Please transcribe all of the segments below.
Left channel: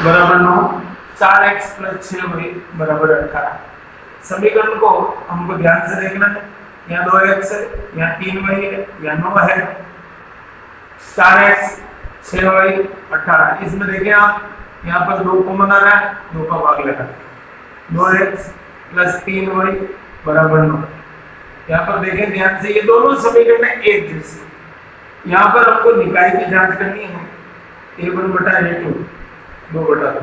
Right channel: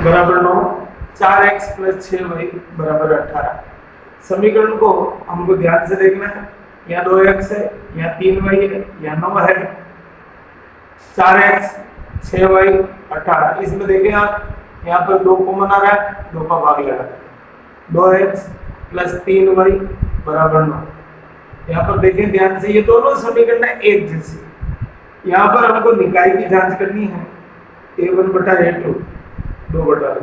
बराबर 9, 4x plus 6y बराबर 18। समीकरण को हमको ध्यान से देखना है। यहाँ 2x है, यहाँ 3y है, यहाँ 9 है। 4x 6y 18। इसमें देखें आप, यहाँ पर 2 कॉमन आ रहा है, 2 का भाग लगा 2x प्लस 3y बराबर 9। यहाँ पर देखें ध्यान से, ये दोनों समीकरण एक जैसे। यहाँ पर हमको निकाय की जांच करनी है। a1 बटा a2 2 बटा 2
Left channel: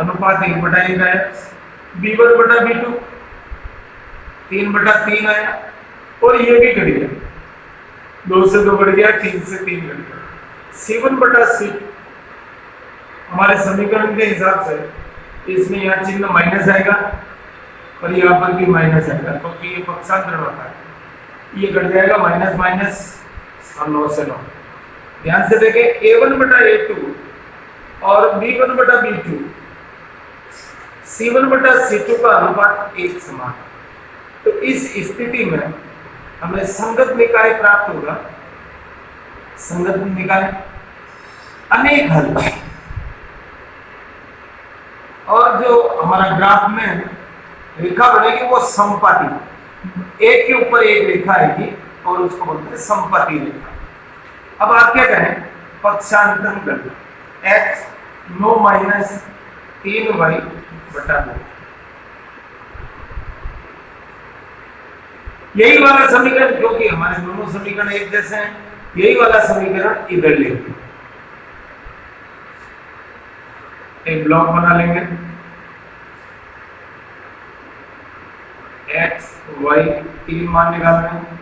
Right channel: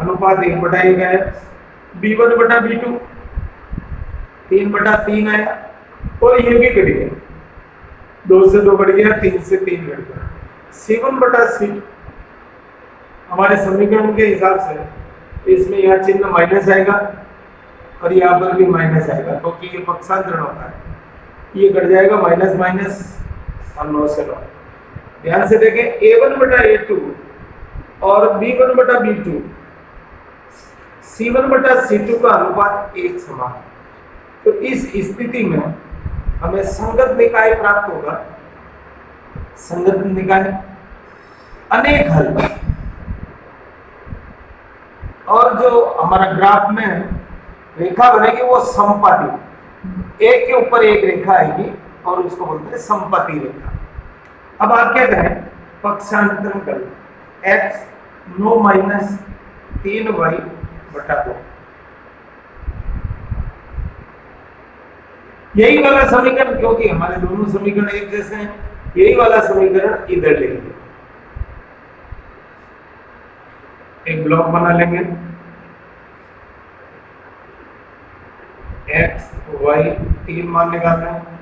अनुपात 1 बटा 1 आया। b1 बटा b2 3 बटा 3 आया। और ये भी कट गया, 2 से 2 कट गया, 3 से 3 कट गया। c1 बटा c हमारे समीकरण के हिसाब से इसमें यहाँ चिन्ह माइनस आएगा और यहाँ पर भी माइनस आएगा, क्योंकि ये पक्षांतरण होता है। ये कट जाएगा, माइनस माइनस और 9 से 9। ध्यान से देखें, a1 बटा a2 और b1 बटा b2 c1 बटा c2 का अनुपात 1 समान है। तो इस स्थिति में हमें संगत निकाय प्राप्त होगा। संगत निकाय अनेक हल, और जो हमारा ग्राफ में रेखा बनेगी वो समपाती, एक के ऊपर एक रेखा आएगी और उसको बोलते हैं समपाती रेखा। अब आप क्या करें, पक्षांतरण करना। x 9 माइनस 3y बटा 2, यही वाला समीकरण, क्योंकि हमारे दोनों समीकरण एक जैसे हैं, यही वाला समीकरण इधर लेंगे। एक ब्लॉक बना लेंगे, x y 3 मान निकाल रहे हैं।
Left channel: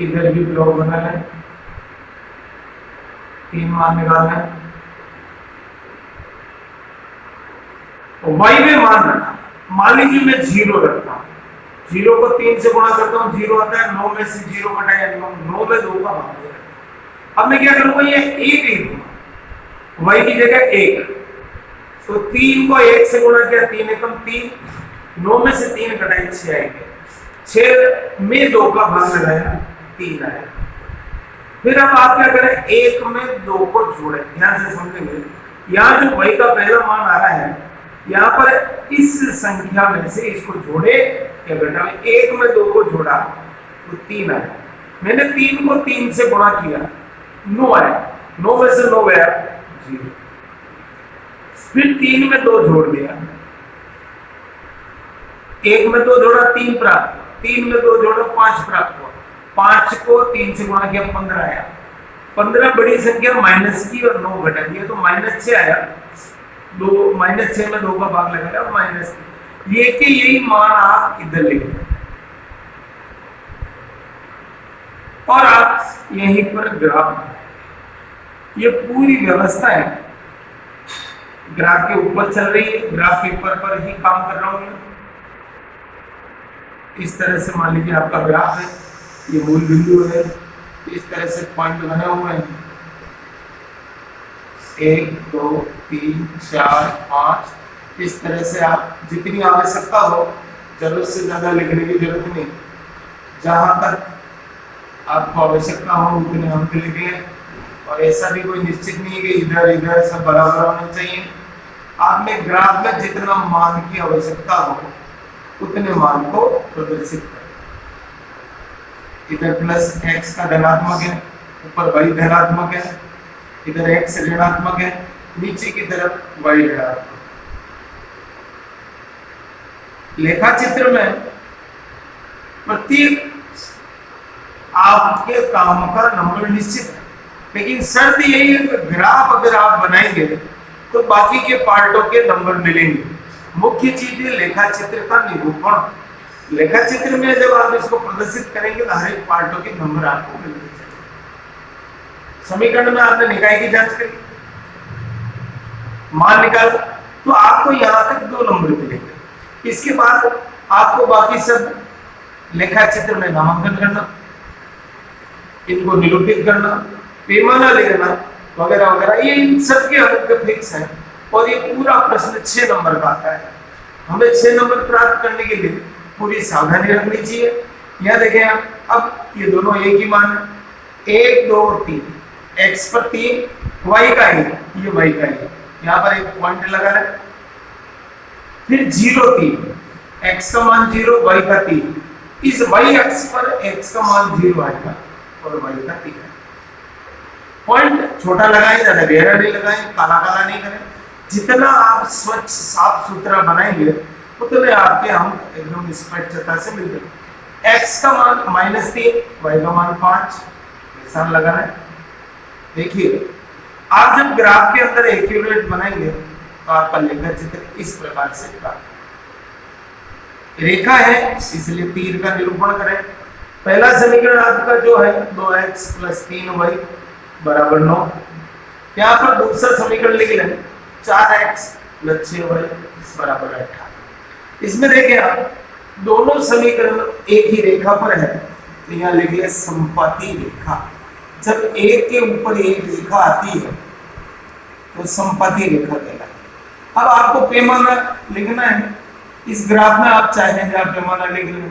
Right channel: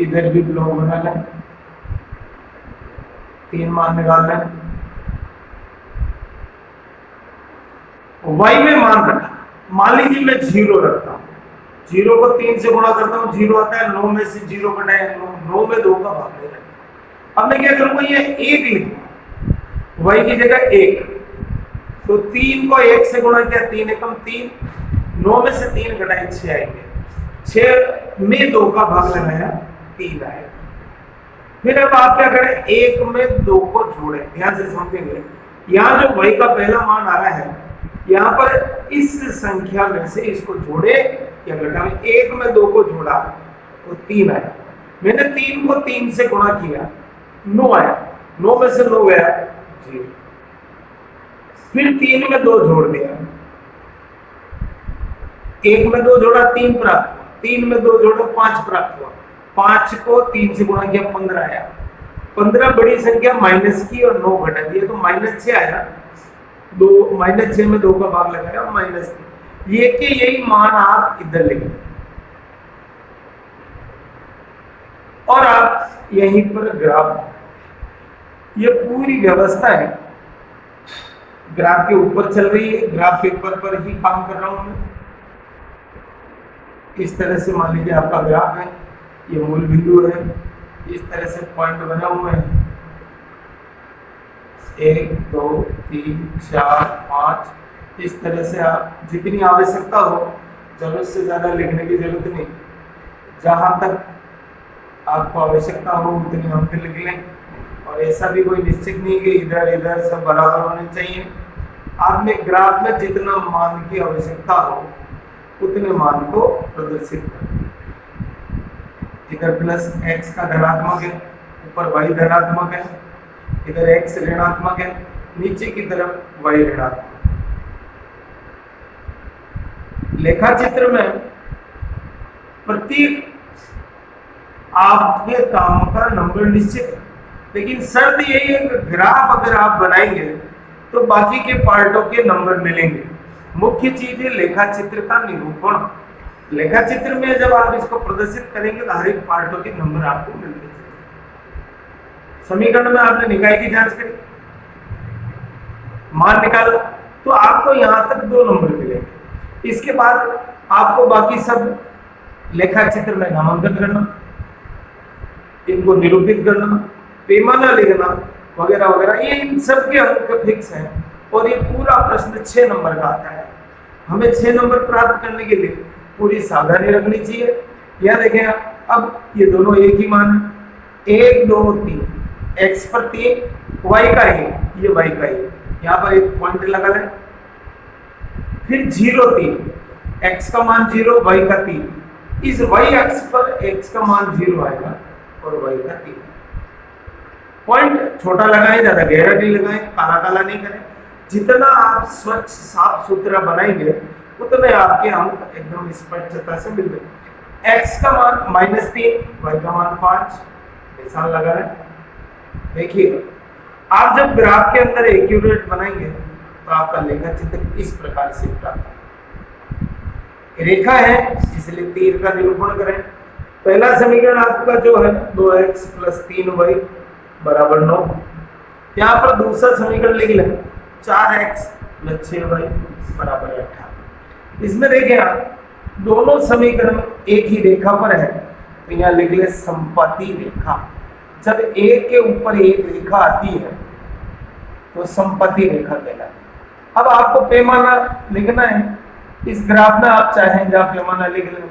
इधर भी ब्लॉक बना लें, 3 मान निकाल लें। y में मान रखा, मान लीजिए मैं 0 रखता हूं, 0 को 3 से गुणा करता हूं, 0 आता है। 9 में से 0 घटाए 9 में 2 का भाग देगा। अब मैं क्या करूंगा, ये 1 लिखूंगा, y की जगह 1। तो 3 को 1 से गुणा किया, 3 एकम 3, 9 में से 3 घटाए 6 आएंगे। 6 में 2 का भाग लगाया, 3 आया। फिर अब आप क्या करें, 1 में 2 को जोड़े। ध्यान से समझेंगे, यहाँ जो y का पहला मान आ रहा है, यहाँ पर इस संख्या में से इसको जोड़े या घटाए। 1 में 2 को जोड़ा तो 3 आया। मैंने 3 को 3 से गुणा किया, 9 आया। 9 में से 9 गया 0। फिर 3 में 2 जोड़ दिया, 1 में 2 जोड़ा 3 प्राप्त, 3 में 2 जोड़ा 5 प्राप्त हुआ। 5 को 3 से गुणा किया, 15 आया। 15 बड़ी संख्या माइनस की और 9 घटा दिया तो -6 आया। 2 -6 में 2 का भाग लगाया, माइनस। ये के यही मान आप इधर लिखें और आप यहीं पर ग्राफ, ये पूरी व्यवस्था है ग्राफ के ऊपर चल रही है। ग्राफ पेपर पर ही काम कर रहा हूं मैं। इस तरह से मान लीजिए आपका ग्राफ है, ये मूल बिंदु है, इस तरह से पॉइंट बने हुए हैं, 1 2 3 4 5। इस तरह से आप जितनी आवश्यकता हो, जरूरत से ज्यादा लिखने की जरूरत नहीं, जहां तक आपको आवश्यकता हो उतने हम लिख लें। और ऐसा भी कोई निश्चित नहीं कि इधर इधर सब बराबर होने चाहिए। आपने ग्राफ में जितना मान की आवश्यकता हो उतने मान को प्रदर्शित करें। इधर प्लस x का धनात्मक है, ऊपर y धनात्मक है, इधर x ऋणात्मक है, नीचे की तरफ y ऋणात्मक। लेखा चित्र में प्रत्येक आपके काम का नंबर निश्चित है, लेकिन शर्त यही है कि ग्राफ अगर आप बनाएंगे तो बाकी के पार्टों के नंबर मिलेंगे। मुख्य चीज है लेखा चित्र का निरूपण। लेखा चित्र में जब आप इसको प्रदर्शित करेंगे तो हर एक पार्टों के नंबर आपको मिलते हैं। समीकरण में आपने निकाय की जांच करी, मान निकाला, तो आपको यहां तक 2 नंबर मिलेंगे। इसके बाद आपको बाकी सब लेखा चित्र में नामांकन करना, इनको निरूपित करना, पैमाना लेना वगैरह वगैरह, ये इन सब के अंक फिक्स है। और ये पूरा प्रश्न 6 नंबर का आता है। हमें 6 नंबर प्राप्त करने के लिए पूरी सावधानी रखनी चाहिए। यह देखें आप, अब ये दोनों एक ही मान है, 1 2 3, x पर 3, y का 1, ये y का 1। यहाँ पर एक पॉइंट लगा है, फिर 0 3, x का मान 0, y का 3, इस y अक्ष पर x का मान 0 आएगा और y का 3 आएगा। पॉइंट छोटा लगाएं, ज्यादा गहरा नहीं लगाएं, काला काला नहीं करें। जितना आप स्वच्छ साफ सुथरा बनाएंगे उतने आपके अंक एकदम स्पष्टता से मिलते हैं। x का मान -3, y का मान 5, निशान लगा है। देखिए आप जब ग्राफ के अंदर एक्यूरेट बनाएंगे तो आपका लेखा चित्र इस प्रकार से रेखा है, इसलिए तीर का निरूपण करें। पहला समीकरण आपका जो है 2x + 3y = 9। यहाँ पर दूसरा समीकरण लिख लें 4x + 6y = 18। इसमें देखिए आप दोनों समीकरण एक ही रेखा पर है, तो यहाँ लिख ले संपत्ति रेखा। जब एक के ऊपर एक रेखा आती है तो संपत्ति रेखा कहलाती है। अब आपको पैमाना लिखना है, इस ग्राफ में आप चाहेंगे आप पैमाना लिख लें।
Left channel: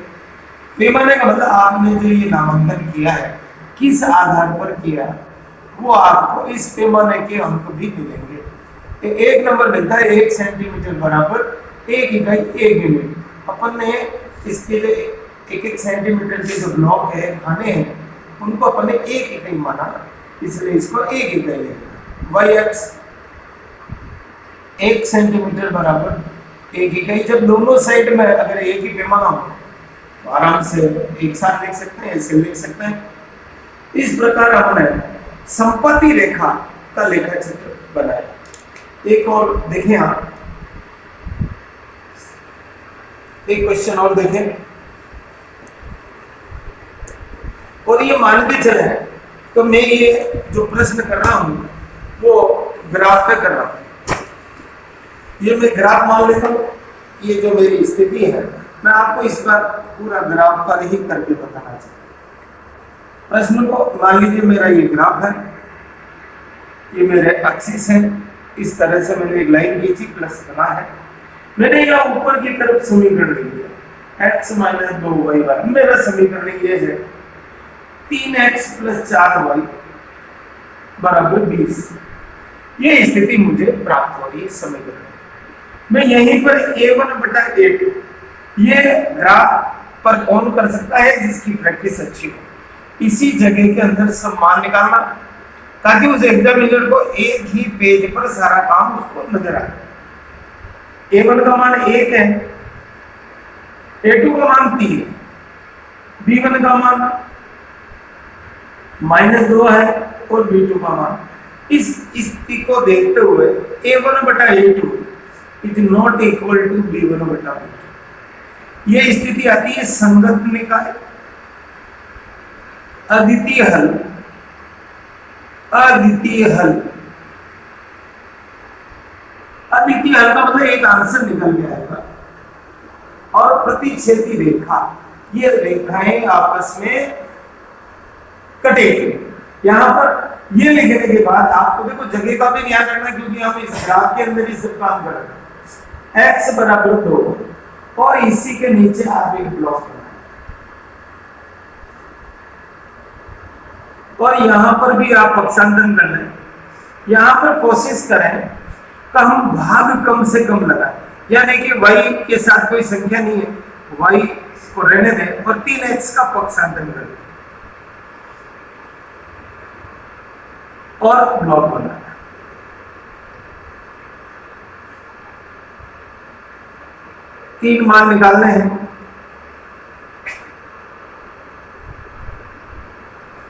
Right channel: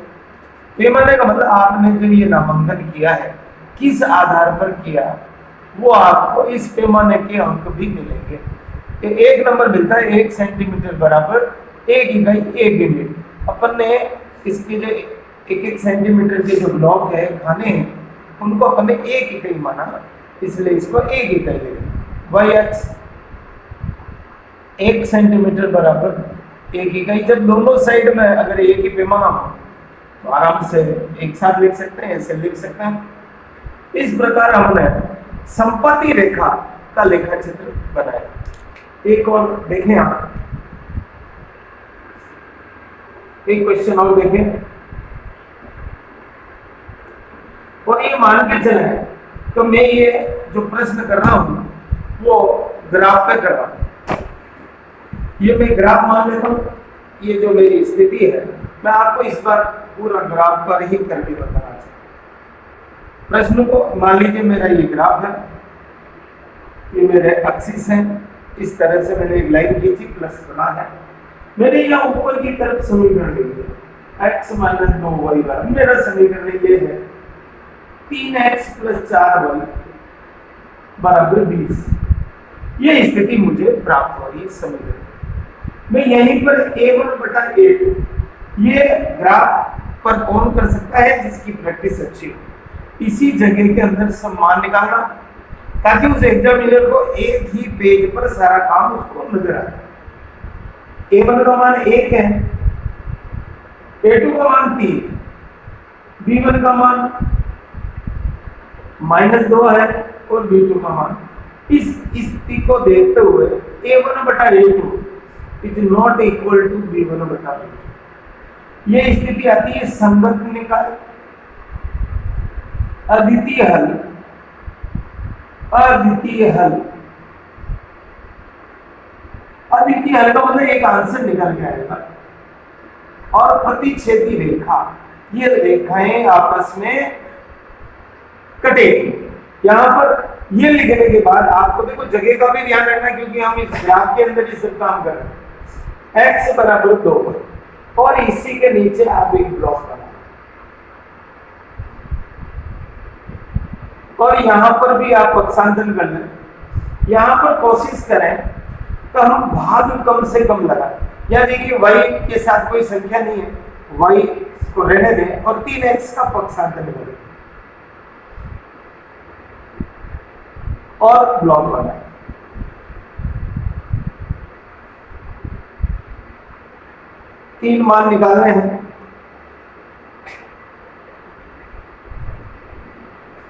पैमाने का मतलब आपने जो ये नामांकन किया है किस आधार पर किया वो आपको इस पैमाने के अंक भी मिलेंगे। एक नंबर मिलता है 1 सेंटीमीटर बराबर 1 इकाई 1 यूनिट। अपन ने इसके जो 1-1 सेंटीमीटर के जो ब्लॉक है खाने हैं उनको अपन ने 1 इकाई माना, इसलिए इसको 1 इकाई लेंगे। y अक्ष 1 सेंटीमीटर बराबर 1 इकाई। जब दोनों साइड में अगर एक ही पैमाना हो तो आराम से एक साथ लिख सकते हैं, ऐसे लिख सकते हैं। इस प्रकार हमने संपत्ति रेखा का लेखा चित्र बनाया। एक और देखें आप, एक क्वेश्चन और देखें, और ये मानते चले तो मैं ये जो प्रश्न कर रहा हूं वो ग्राफ पे कर रहा हूं। ये मैं ग्राफ मान लेता हूं, ये जो मेरी स्थिति है मैं आपको इस बार पूरा ग्राफ पर ही करके बताना चाहता हूं। प्रश्न को मान लीजिए मेरा ये ग्राफ है, ये मेरे एक्सिस है, इस तरह से मैंने एक लाइन खींची, प्लस बना है। मैंने यहाँ ऊपर की तरफ समीकरण लिख दिया x - 2y। मेरा समीकरण ये है 3x + 4y = 20। ये स्थिति मुझे प्राप्त हो रही है समीकरण। मैं यहीं पर a1/a2 ये ग्राफ पर कौन कर सकता है जिसकी प्रैक्टिस अच्छी हो। इसी जगह के अंदर सब मान निकालना ताकि उस एग्जामिनर को एक ही पेज पर सारा काम उसको नजर आए। a1 का मान 1 है, a2 का मान 3, b1 का मान -2 है और b2 का मान। इस स्थिति को देखते हुए a1/a2 is not equal to b1/b2। ये स्थिति आती है संगत निकाय, अद्वितीय हल, अद्वितीय हल। अद्वितीय हल का मतलब एक आंसर निकल के आएगा। और प्रतिच्छेदी रेखा, ये रेखाएं आपस में कटेगी। यहां पर ये लिखने के बाद आपको देखो जगह का भी ध्यान रखना, क्योंकि हम इस ग्राफ के अंदर ही सब काम कर रहे हैं। x = 2 और इसी के नीचे आप एक ब्लॉक बनाए और यहां पर भी आप पक्षांतन कर लें। यहां पर कोशिश करें तो हम भाग कम से कम लगाएं। या देखिए y के साथ कोई संख्या नहीं है, y को रहने दें और 3x का पक्षांतन करें और ब्लॉक बनाएं। तीन मान निकालने हैं।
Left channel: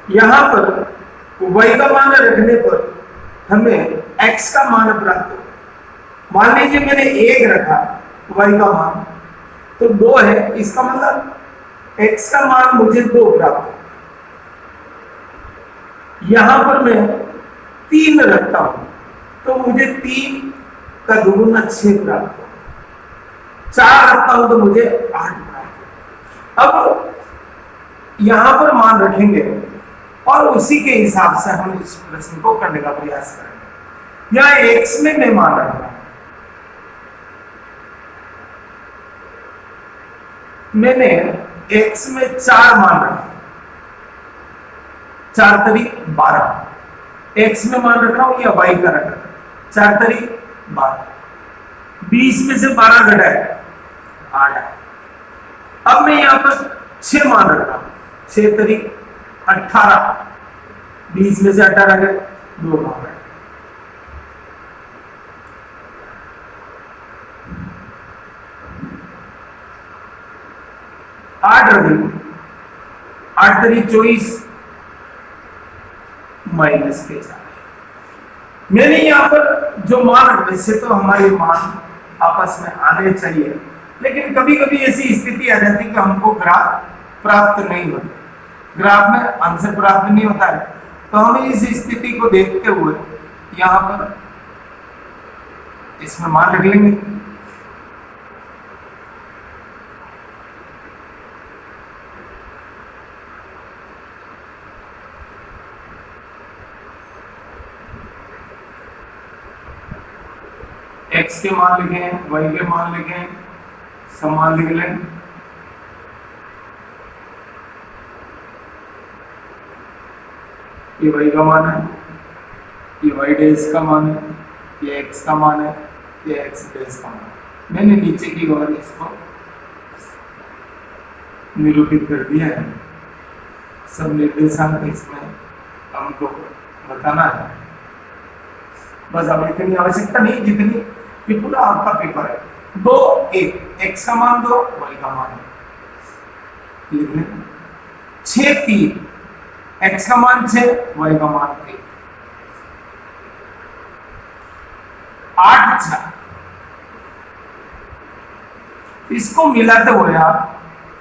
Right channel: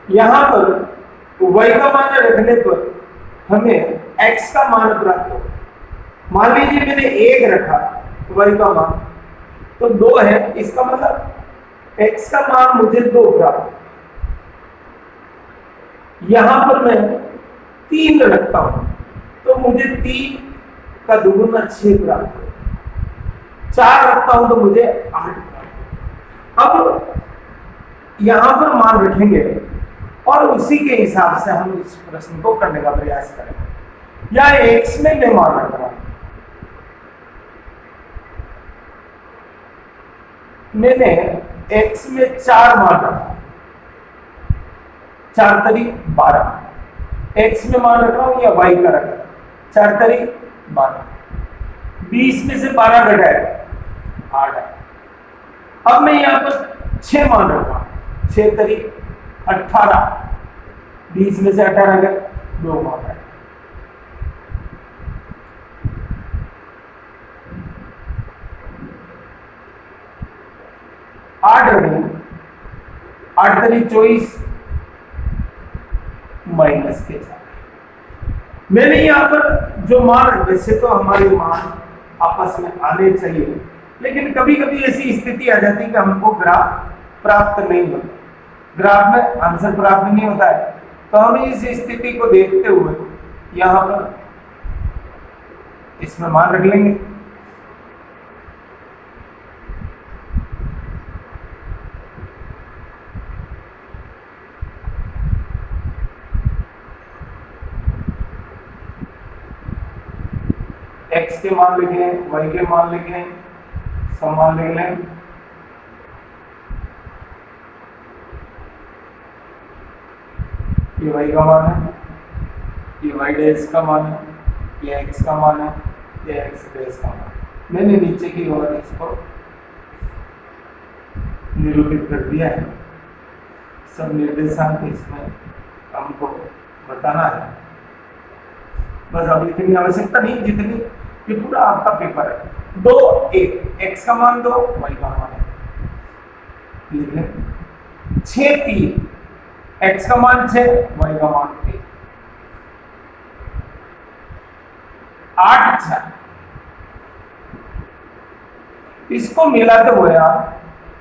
यहां पर y का मान रखने पर हमें x का मान प्राप्त हो। मान लीजिए मैंने 1 रखा y का मान तो 2 है, इसका मतलब x का मान मुझे 2 प्राप्त हो। यहां पर मैं 3 रखता हूं तो मुझे 3 का दुगुना 6 प्राप्त हो। 4 रखता हूं तो मुझे 8 प्राप्त हो। अब यहां पर मान रखेंगे और उसी के हिसाब से हम इस प्रश्न को करने का प्रयास करेंगे। या x में मैं मान रख रहा हूं, मैंने x में 4 मान रखा, 4 × 12। x में मान रख रहा हूं या y का रख रहा हूं, 4 × 12। 20 में से 12 घटा है 8 है। अब मैं यहाँ पर 6 मान रखा हूं, 6 तरीक 18, 20 में से 18 गए 2 मान रहे, 8 रखेंगे, 8 तरीक 24 माइनस के 4। मैंने यहाँ पर जो मान, वैसे तो हमारी मान आपस में आने चाहिए, लेकिन कभी कभी ऐसी स्थिति आ जाती है कि हमको ग्राफ प्राप्त नहीं होता, ग्राफ में आंसर प्राप्त नहीं होता है, तो हम इस स्थिति को देखते हुए यहाँ पर इसमें मान रख लेंगे। x के मान लिखे हैं, y के मान लिखे हैं, सब मान लिख लें। ये y का मान है, ये y डैश का मान है, ये x का मान है, ये x डैश का मान है। मैंने नीचे की ओर इसको निरूपित कर दिया है, सब निर्देशांक इसमें हमको बताना है। बस अब इतनी आवश्यकता नहीं जितनी कि पूरा आपका पेपर है। 2 1 x का मान 2, y का मान है, लिख लें। 6 3 x का मान 6, y का मान 1। 8 6, इसको मिलाते हुए आप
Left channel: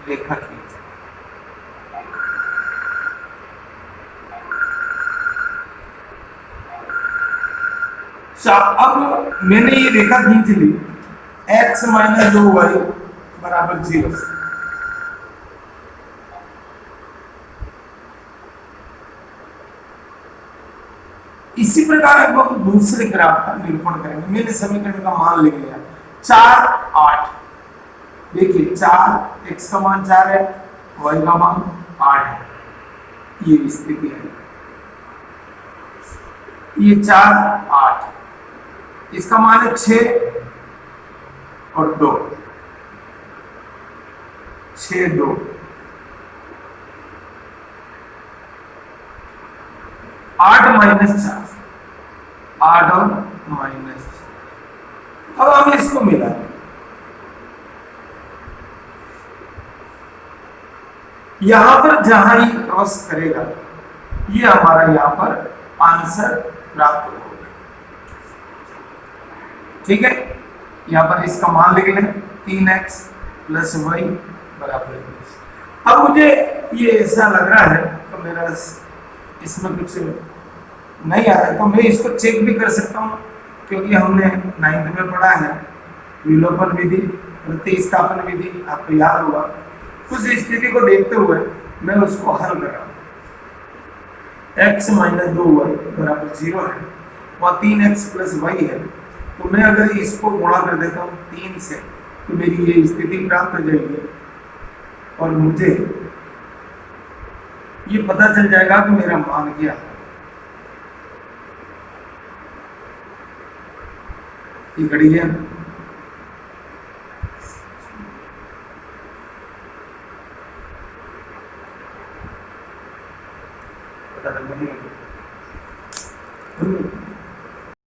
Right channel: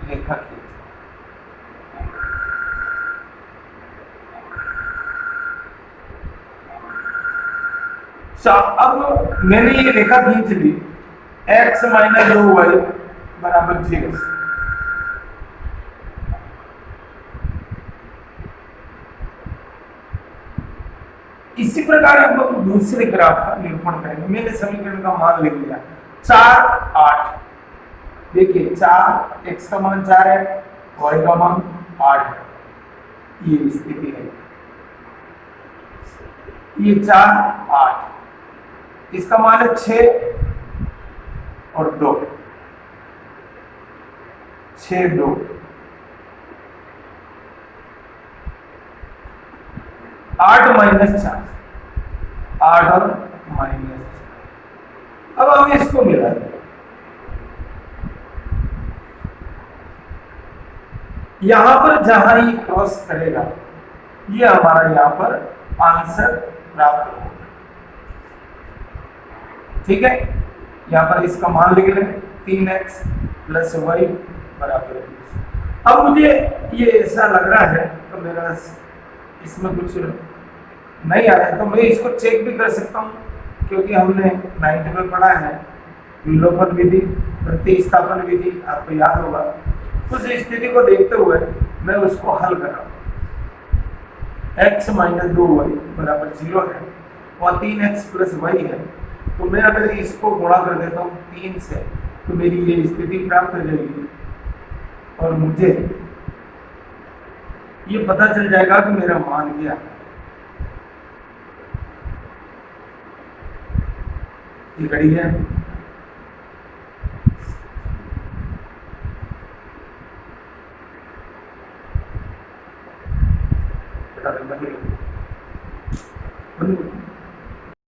रेखा खींच। अब मैंने ये रेखा खींच ली, x माइनस 2y बराबर 0। इसी प्रकार अब हम दूसरे ग्राफ का निरूपण करेंगे। मैंने समीकरण का मान लिख लिया 4 8। देखिए 4, x का मान 4 है, y का मान 8 है, ये स्थिति है। ये 4 8, इसका मान है 6 और 2, 6 2, 8 माइनस 4, 8 और माइनस 4। अब हम इसको मिला दें, यहां पर जहां ही क्रॉस करेगा ये हमारा यहां पर आंसर प्राप्त होगा। ठीक है, यहां पर इसका मान लिख लें 3x प्लस वाई बराबर 20। अब मुझे ये ऐसा लग रहा है तो मेरा इसमें कुछ नहीं आ रहा है, तो मैं इसको चेक भी कर सकता हूँ, क्योंकि हमने 9th में पढ़ा है विलोपन विधि, प्रतिस्थापन विधि, आपको याद होगा। उस स्थिति को देखते हुए मैं उसको हल कर रहा हूँ। x माइनस 2y बराबर 0 है, वहाँ 3x प्लस वाई है, तो मैं अगर इसको गुणा कर देता हूँ 3 से, तो मेरी ये स्थिति प्राप्त हो जाएगी और मुझे ये पता चल जाएगा कि मेरा मान क्या है। ये घड़ी है।